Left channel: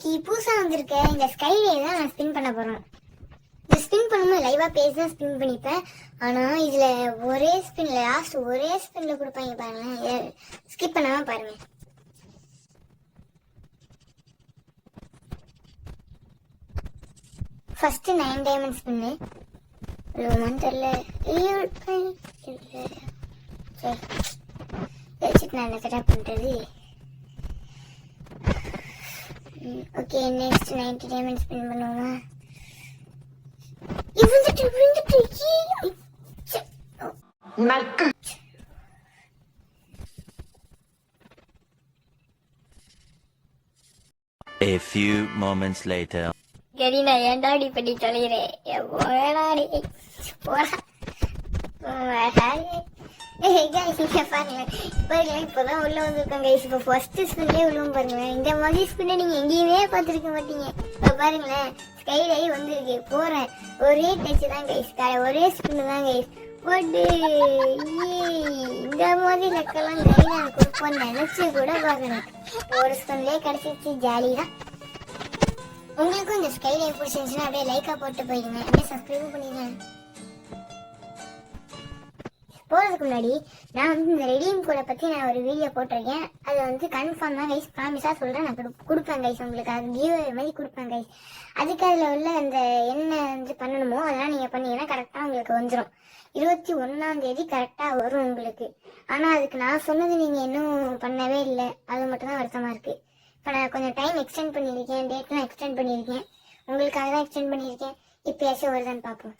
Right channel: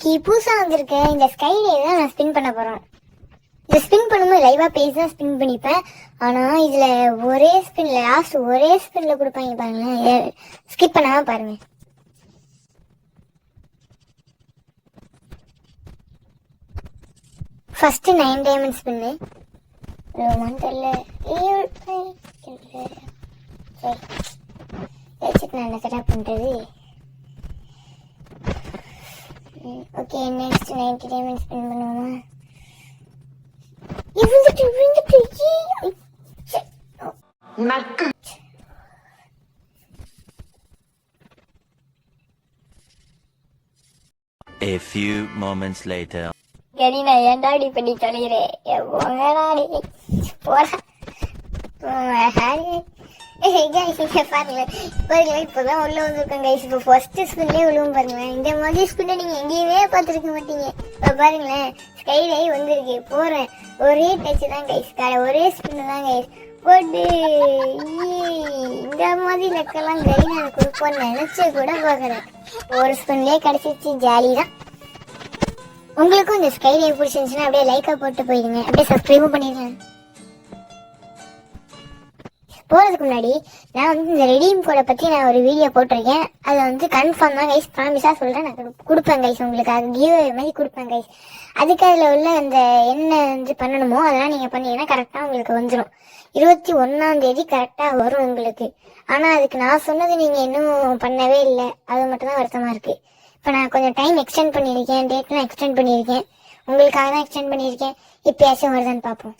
இன்னைக்கு புதுசா வந்திருக்க இந்த ஸ்கைலே தான் நான் ஸ்பின் பண்ண போறேன். இந்த ஸ்பின் பண்ணும்போது லைவா பேசி தான் ஸ்பின் பண்ணிப்பேன். ஆனா இதுல ஒரே ஸ்பின்ல லாஸ்ட் ஒரே ஸ்பின்ல கொடுப்பாங்க பாருங்களேன். ஸ்கிப் பண்ணாம பாருங்க. ஃபர்ஸ்ட் 9 டைமண்ட் ஸ்பின்னு ரோமான்டர்ல வச்சுட்டு நான் செட்டப் பண்றது. ஓகே நெக்ஸ்ட் 90 டைமண்ட் ஸ்பின் பண்ணுவோமா? A few moments later. கடி நான் ஏன்டாடி பண்ணி தொலைகிறேன். இப்பதான் உள்ள வந்திருக்கேன் கைஸ். இப்போ ஃபர்ஸ்ட் ஸ்பின்லேயே விழுவும் பாருங்களேன். இந்த மாதிரி ஸ்பின்னை நீங்க எங்கேயுமே பார்த்துருக்க மாட்டீங்க. இப்போ பாருங்களேன் ஸ்கைலே வந்திருக்கு. போறேன் ஒரே டச் தான் கைஸ். ஒரே ஸ்பின் தான் கைஸ் போட்டு. இந்த மாதிரி லக்கெல்லாம் கறி நான் கொடுப்போன்னு நினைச்சு கூட பார்க்குறேன். ஒரு ஸ்பின்லேயே கிடைச்சிச்சு. ஜாலி தான். உங்களுக்கும் இந்த ஸ்கைலே பிடிச்சிருந்துச்சுன்னா அப்படியே லைக்கா போட்டு போயிடுங்க. அப்படியே சப்ஸ்கிரைபும் பண்ணிடுங்க. போறதுக்கு முன்னாடி நான் வந்து இந்த ரெடீம் கோடை பத்தி நான் ஒரு வீடியோ போட்டிருக்கேன். அது வந்து கன்ஃபார்ம் தான் கைஸ். ப்ராமிஸா சொல்றேன். நான் கொடுப்பேன் கைஸ். உங்களுக்கு அது கிவ் மாதிரி கொடுப்பேன் கைஸ். அதுக்கு அதுல உள்ள அந்த என்ன வந்து பண்ணணுமோ அதெல்லாம் நீங்க பண்ணீங்கன்னா கரெக்டா உங்களுக்கு வந்துடும். 21ஆம் தேதி கரெக்டா வரும் உங்களுக்கு. ஆனா அதுக்கு நான் சொன்னது நீங்க இன்னும் பண்ணவே இல்லை. அது மட்டும் தான் வருத்தமா இருக்கு. இப்ப நான் கொஞ்சம் டைம் எக்ஸ்டெண்ட் பண்ணியிருக்கேன். டேட்லாம் எக்ஸ்டெண்ட் பண்ணியிருக்கேன். உங்களுக்காக தான் எக்ஸ்டெண்ட் பண்ணியிருக்கேன். இப்பயாச்சும் வருதான்னு பார்ப்போம்.